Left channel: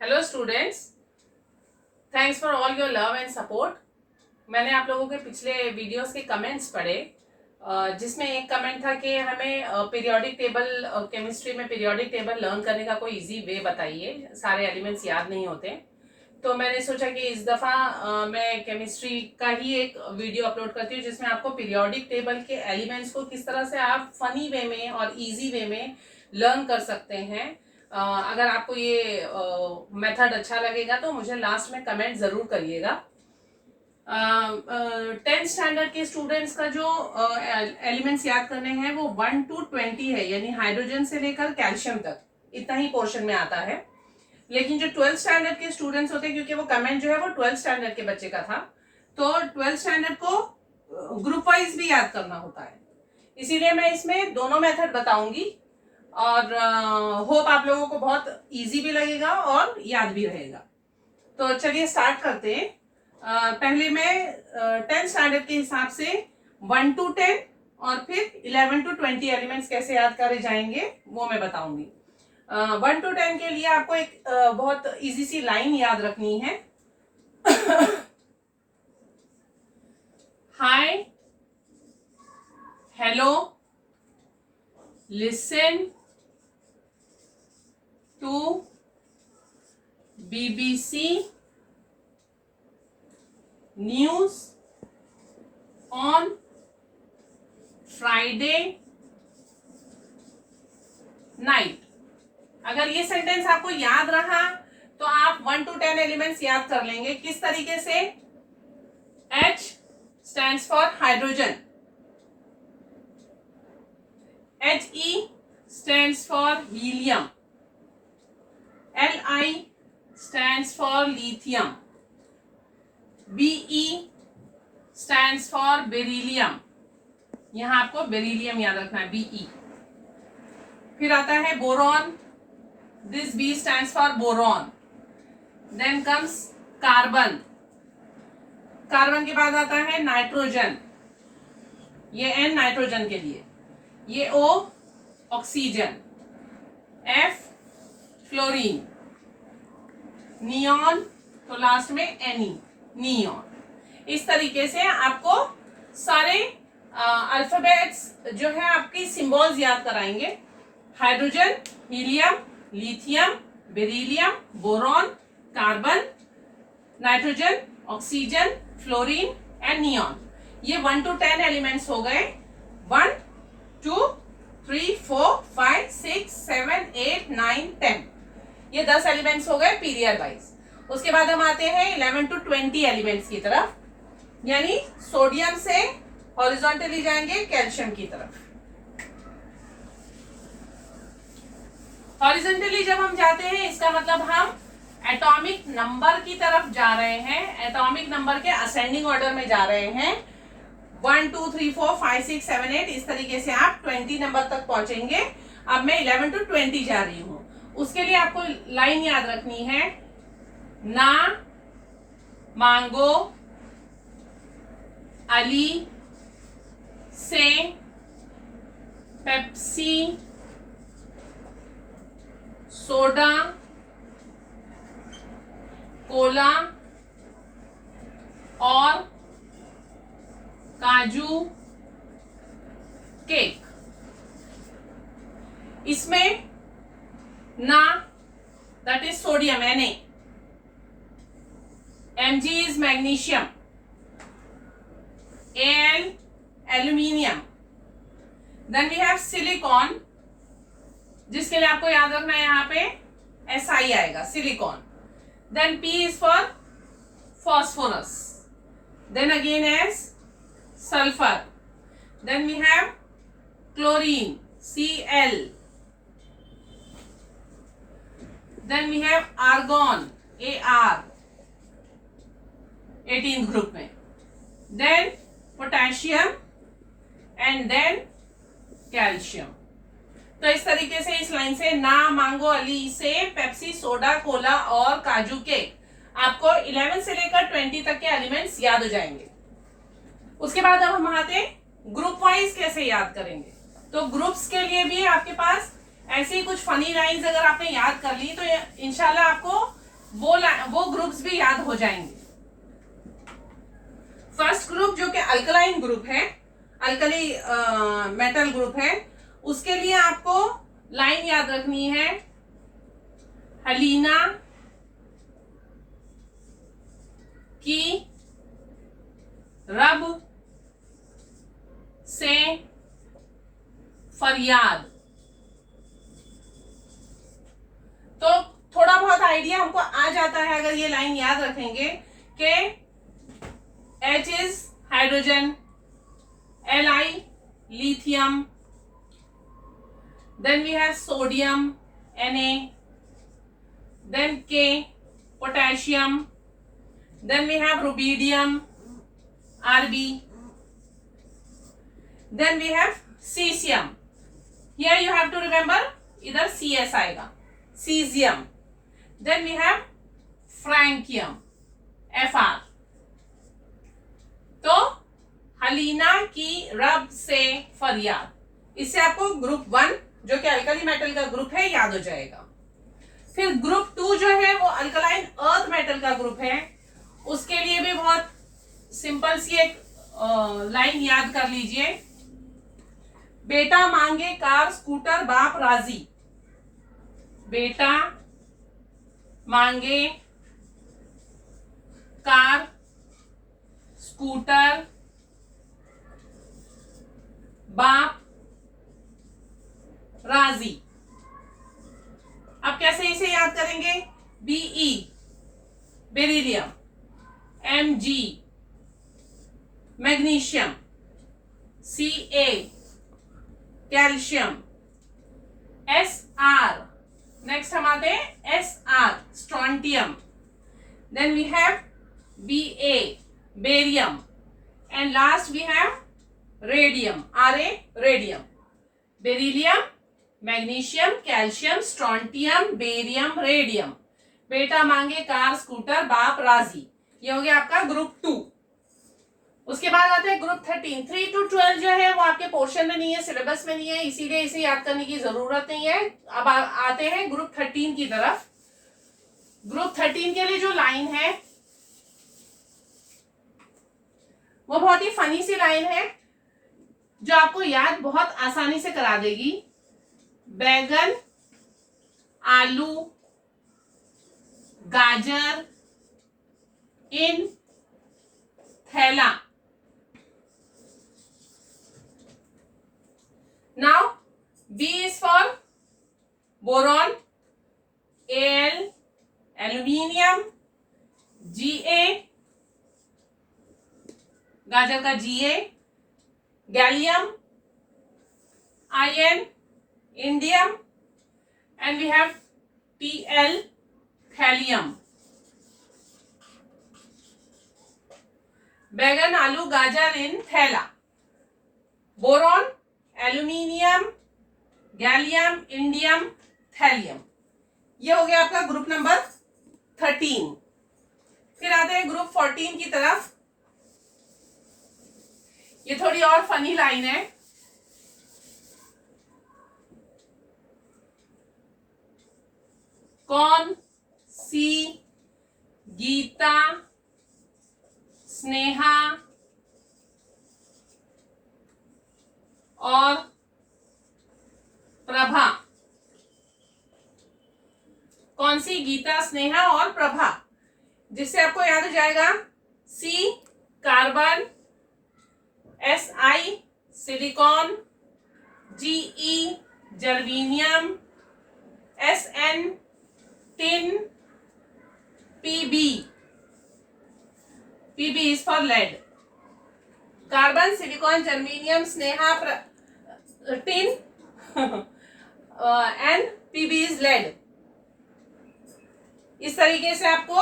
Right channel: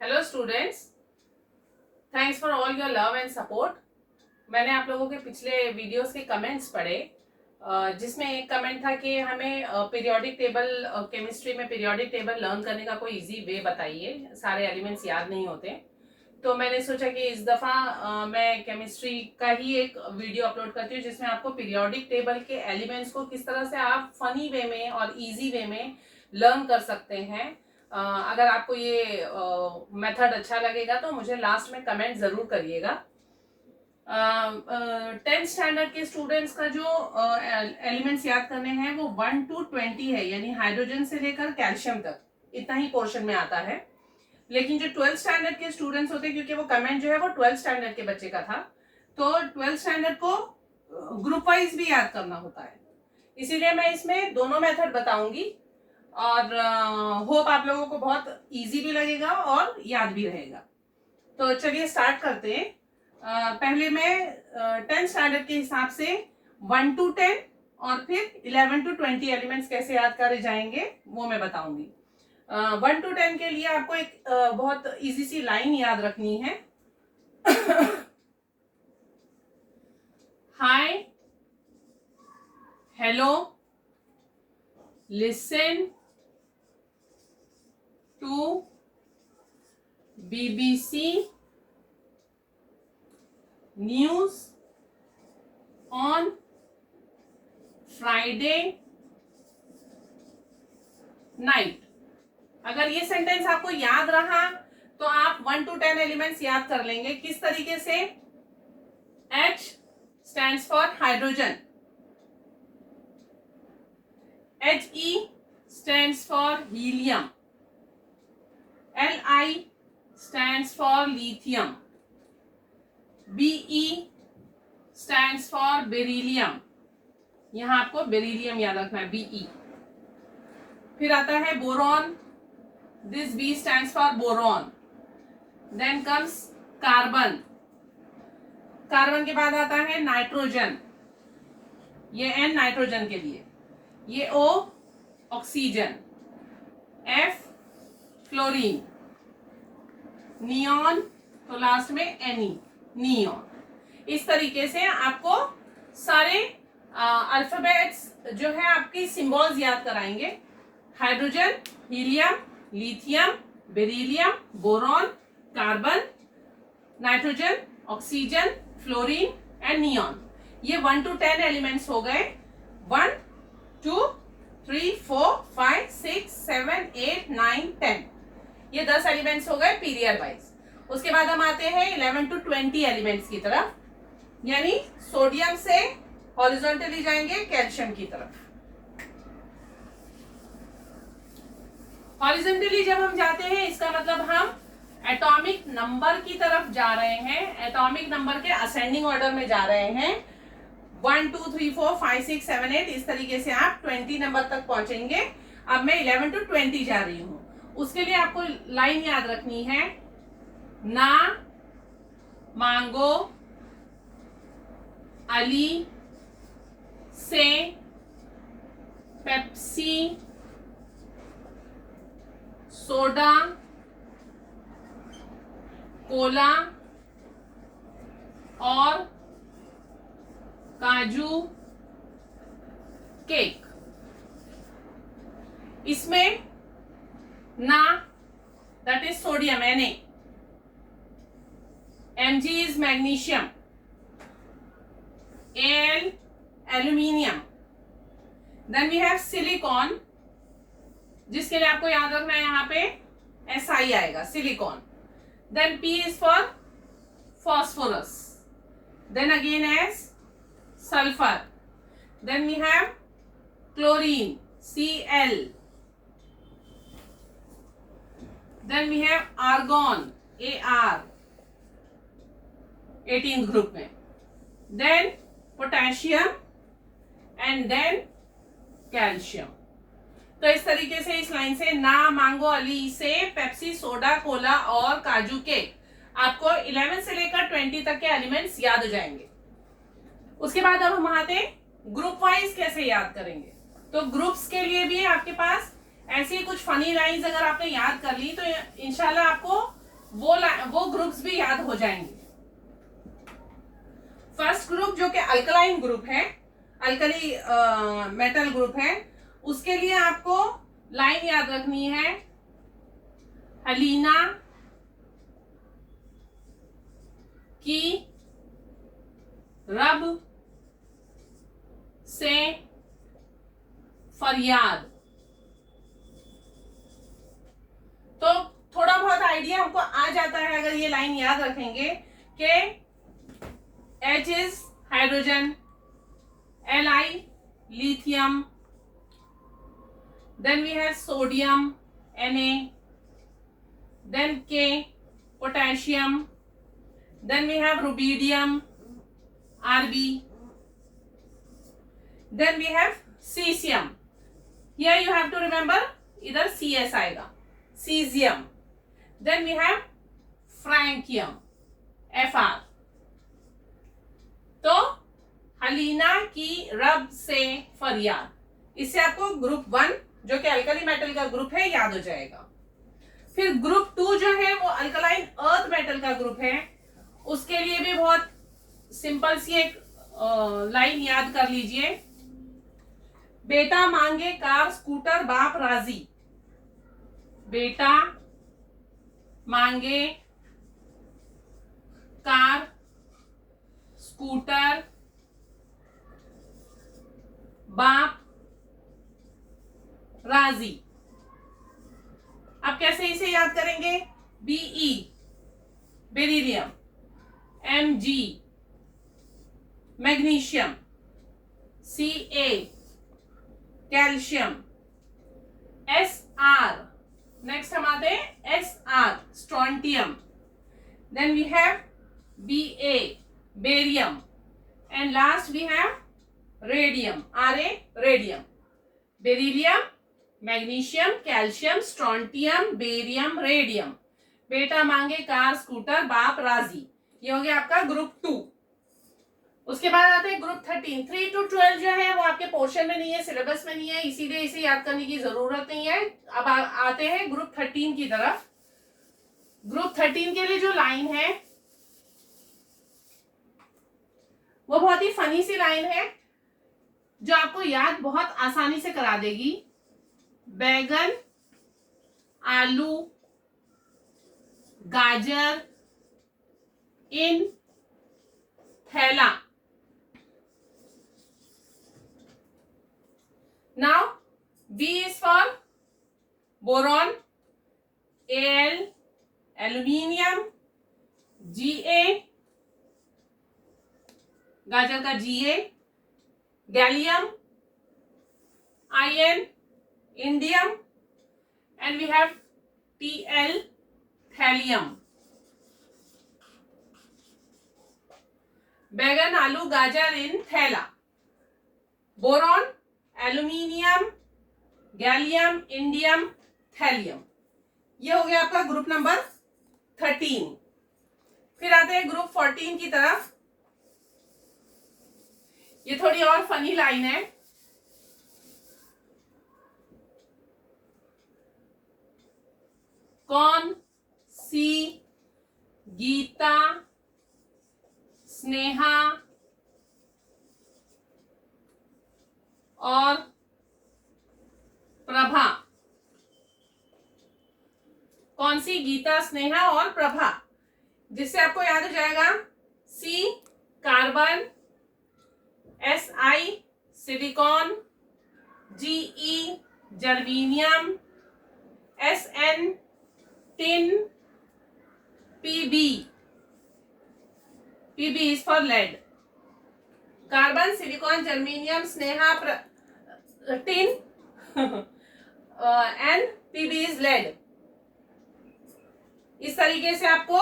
Hello students, thanks for all your love and support. मैंने आप लोगों के पिछले वीडियोस के कमेंट्स पढ़े, जिसमें एक कमेंट था कि हमें पीरियोडिक टेबल, केमिस्ट्री में पीरियोडिक टेबल लर्न करने का कोई इजी वे बताइए, सारे एलिमेंट्स याद नहीं होते। तो मैंने सोचा कि इस दफ़ा मैं केमिस्ट्री का ही एक वीडियो अपलोड करती हूँ जिसमें आपको पीरियोडिक टेबल के एलिमेंट्स को किस तरह से आप फनी वे में और इजी वे में लर्न कर सकते हैं। अगर आपको ये मेथड अच्छा लगेगा तो मुझे लास्ट में कमेंट ज़रूर करिएगा। 10th स्टैंडर्ड के स्टूडेंट्स का जो एलिमेंट्स याद करने हैं वो 1 to 20 है, यानी हाइड्रोजन से लेकर कैल्शियम तक इतना ही पोर्शन में आता है। लेकिन जो 12th स्टैंडर्ड के स्टूडेंट्स होते हैं, क्योंकि वो कमेंट जो है वो 12th स्टैंडर्ड के बच्चे का था, तो 12th स्टैंडर्ड को ग्रुप वाइज भी याद करना होता है, इसीलिए मैं इसमें दोनों मेथड बताऊंगी और होप आप लोगों को बहुत इजी भी लगेगा और याद भी रहेगा। तो चलिए स्टार्ट करते हैं। पहले मैं 10th स्टैंडर्ड के हिसाब से 1 to 10 और फिर 11 to 20 एलिमेंट्स कैसे याद करे जाएंगे वो मैं बताऊंगी। 1 to 10 के लिए आपको एक बहुत इजी सी लाइन याद रखनी है। Hi, hello, listen to BBC news on Friday night. अगर ये सेंटेंस आपको याद रहा तो आप 1 to 10 एलिमेंट्स याद कर लेंगे। किस तरीके से? H stands for hydrogen, He stands for helium, Li stands for lithium, Be stands for beryllium। यहां आपको बेरिलियम याद रखना है, Be। फिर आता है boron, this B stands for boron. Then comes carbon, carbon के बाद आता है नाइट्रोजन, ये N नाइट्रोजन के लिए, ये O oxygen, F fluorine, neon तो लास्ट में Ne नियॉन। इस तरीके से आपको सारे अल्फाबेट्स जो है आपकी सिंबल्स याद कराएंगे। Hydrogen, helium, lithium, beryllium, boron, carbon, nitrogen, oxygen, fluorine and neon. ये 1 to 10 एलिमेंट्स हो गए। 1 2 3 4 5 6 7 8 9 10, ये 10 एलिमेंट्स हो गए पीरियड वाइज। उसके बाद हम आते हैं 11 to 20 एलिमेंट्स की तरफ, यानी सोडियम से हॉरिजॉन्टली जाएंगे कैल्शियम की तरफ। हॉरिजॉन्टली जब हम जाते हैं इसका मतलब हम एटॉमिक नंबर की तरफ जा रहे हैं, एटॉमिक नंबर के असेंडिंग ऑर्डर में जा रहे हैं। 1 2 3 4 5 6 7 8 इस तरीके से आप 20 नंबर तक पहुंचेंगे। अब मैं 11 to 20 जा रही हूं, उसके लिए आपको लाइन याद रखनी है। ना मांगो अली से पेप्सी सोडा कोला और काजू केक। इसमें ना that is sodium Na, Mg is magnesium, Al aluminium, then we have silicon, जिसके लिए आपको याद रखना है यहाँ पे Si आएगा, silicon. then P is for phosphorus, then again as sulfur, then we have chlorine, Cl, then we have argon, Ar 18th group में, then potassium and then calcium. तो इस तरीके से इस लाइन से ना मांगो अली से पेप्सी सोडा कोला और काजू के आपको 11 से लेकर 20 तक के एलिमेंट्स याद हो जाएंगे। उसके बाद अब हम आते ग्रुप वाइज कैसे याद करेंगे। तो ग्रुप्स के लिए भी आपके पास ऐसी कुछ फनी लाइंस अगर आपने याद कर ली तो इंशाल्लाह आपको वो ग्रुप्स भी याद हो जाएंगे। फर्स्ट ग्रुप जो कि अल्कलाइन ग्रुप है, अल्कली मेटल ग्रुप है, उसके लिए आपको लाइन याद रखनी है, हलीना की रब से फरियाद। तो थोड़ा बहुत आइडिया हमको आ जाता है अगर ये लाइन याद रखेंगे कि H is hydrogen, Li lithium, then we have sodium Na, then K potassium, then we have rubidium Rb, then we have cesium. Here you have to remember इधर Cs आएगा, cesium. Then we have francium Fr. तो हलीना की रब से फरियाद, इससे आपको group 1 जो कि अल्कली मेटल का ग्रुप है याद हो जाएगा। फिर ग्रुप 2 जो है वो अल्कलाइन अर्थ मेटल का ग्रुप है, उसके लिए भी बहुत सिंपल सी एक लाइन याद कर लीजिए, बेटा मांगे कार स्कूटर बाप राजी। बेटा मांगे कार स्कूटर बाप राजी। अब कैसे इसे याद करेंगे, Be beryllium, Mg magnesium, Ca calcium, Sr next हम आते हैं Sr strontium, then we have Ba barium, and last we have radium, Ra radium. Beryllium, magnesium, calcium, strontium, barium, radium. बेटा मांगे कार स्कूटर बाप राजी, ये हो गया आपका ग्रुप 2। उसके बाद आते हैं ग्रुप 13। 3 to 12 जो है वो आपके पोर्शन में नहीं है, सिलेबस में नहीं है, इसीलिए इसे याद करने की जरूरत नहीं है। अब आते हैं ग्रुप 13 की तरफ। ग्रुप 13 के लिए जो लाइन है वो बहुत ही फनी सी लाइन है जो आपको याद बहुत आसानी से करा देगी। बैगन, आलू, गाजर इन थैला। Now B is for boron, Al aluminium, Ga गाजर का Ga, gallium iron, indium, and we have Tl thallium. बैगन, आलू, गाजर इन थैला, boron, aluminium, gallium, indium, thallium. ये हो गया आपका ग्रुप नंबर 13। फिर आते हैं ग्रुप 14 की तरफ। ये थोड़ी और फनी लाइन है। कौन सी गीता, स्नेहा और प्रभा, कौन सी गीता, स्नेहा और प्रभा, जिससे आपको याद हो जाएगा C carbon, Si silicon, Ge germanium, Sn tin, Pb is for lead। Carbon, silicon, germanium, Sneha, tin and Pb is lead। इस तरीके से आपको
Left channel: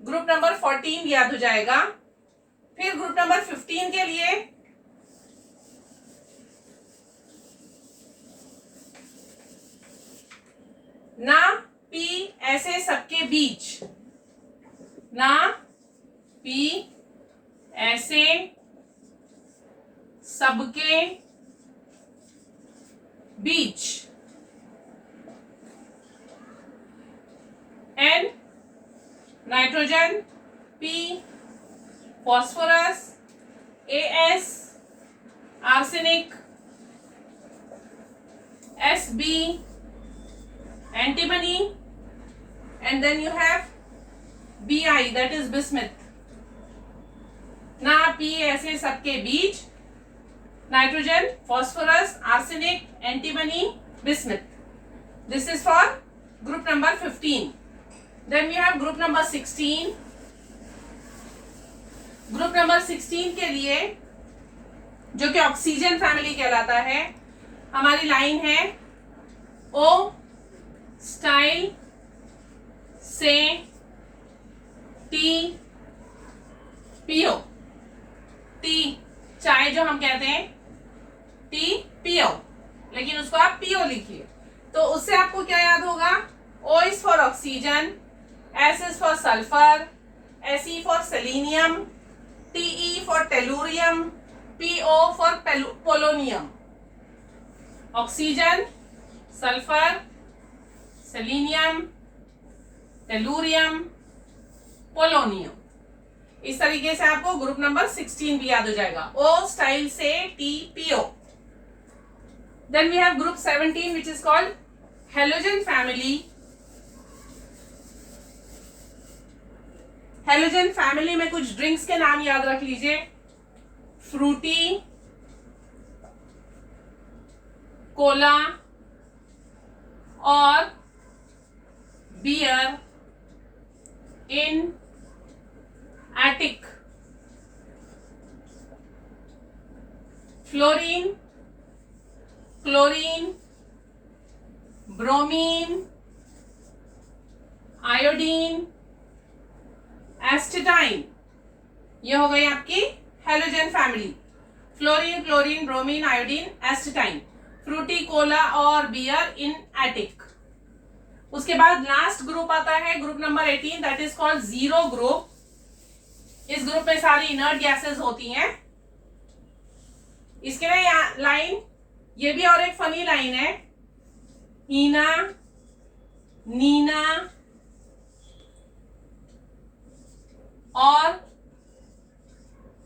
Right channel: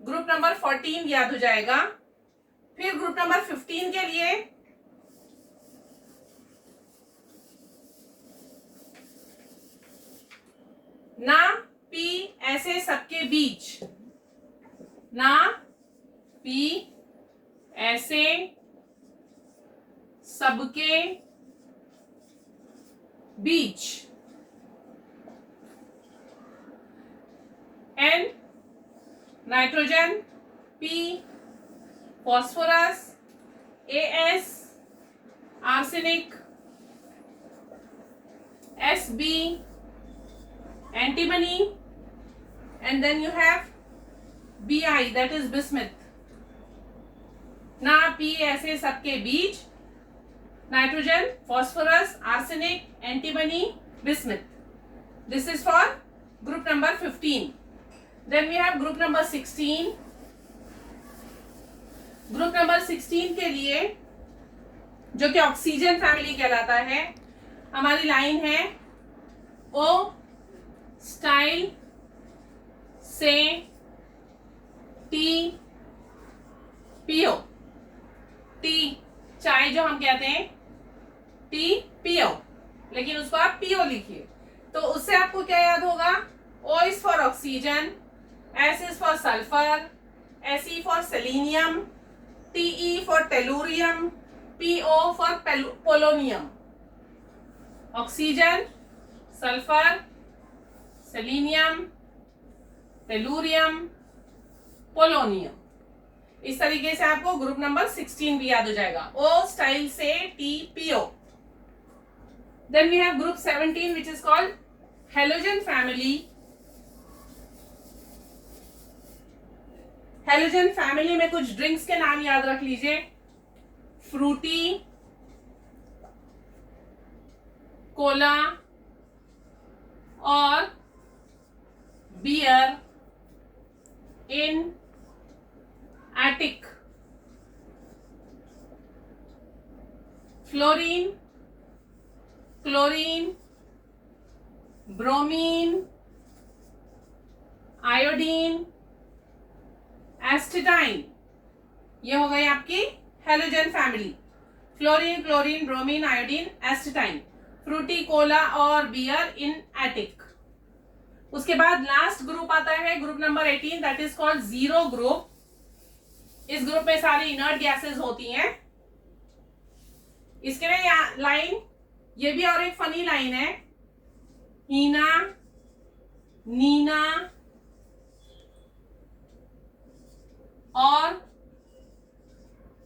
ग्रुप नंबर 14 याद हो जाएगा। फिर ग्रुप नंबर 15 के लिए ना पी ऐसे सबके बीच, ना पी ऐसे सबके बीच, N nitrogen P, phosphorus AS, arsenic SB, antimony, and then you have Bi, that is bismuth. ना P ऐसे सबके बीच nitrogen, phosphorus, arsenic, antimony, bismuth. This is for group number 15. Then we have group number 16. Group number 16 के लिए जो कि oxygen family कहलाता है, हमारी लाइन है ओ स्टाइल से टी पीओ। टी चाय जो हम कहते हैं टी पीओ, लेकिन उसको आप पीओ लिखिए। तो उससे आपको क्या याद होगा? O is for oxygen, S is for sulphur, S E for selenium, Te for tellurium, Po for polonium. Oxygen, sulphur, selenium, tellurium, polonium. इस तरीके से आपको ग्रुप नंबर 16 भी याद हो जाएगा। ओ स्टाइल से TPO। Then we have group 17 which is called halogen family. Halogen family में कुछ ड्रिंक्स के नाम याद रख लीजिए। फ्रूटी, कोला और beer in attic. Fluorine, chlorine, bromine, iodine, astatine, ये हो गई आपकी halogen family. Fluorine, chlorine, bromine, iodine, astatine, Frooti, cola और बियर इन एटिक। उसके बाद लास्ट ग्रुप आता है group number 18, that is called zero group. इस ग्रुप में सारी इनर्ट गैसेस होती हैं। इसके लिए लाइन, ये भी और एक फनी लाइन है, हीना, नीना और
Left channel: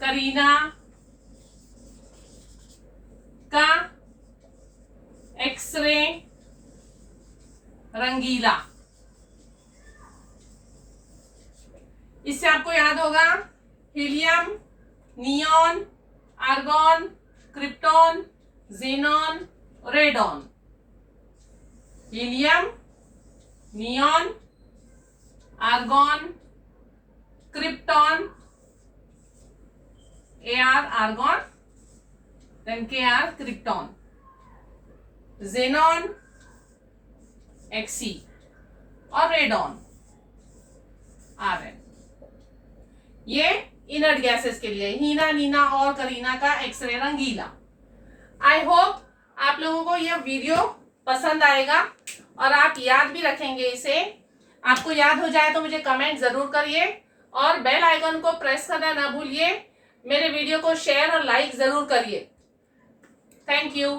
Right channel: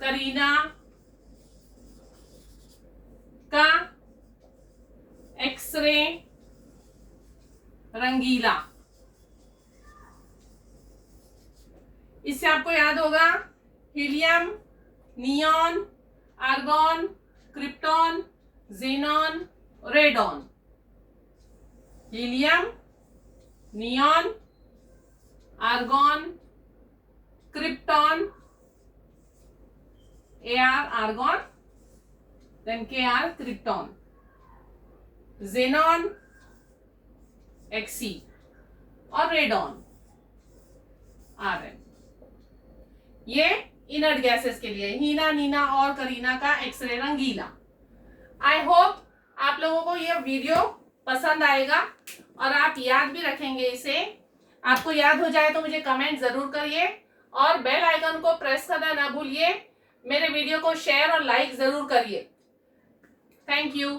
करीना का एक्सरे रंगीला। इससे आपको याद होगा helium, neon, argon, krypton, xenon, radon. Helium, neon, argon, krypton, Ar argon, then Kr krypton, xenon, Xe और रेडॉन Rn। ये इनर्ट गैसेस के लिए हीना, नीना और करीना का एक्सरे रंगीला। आई होप आप लोगों को यह वीडियो पसंद आएगा और आप याद भी रखेंगे इसे। आपको याद हो जाए तो मुझे कमेंट जरूर करिए और बेल आइकन को प्रेस करना ना भूलिए। मेरे वीडियो को शेयर और लाइक जरूर करिए। Thank you.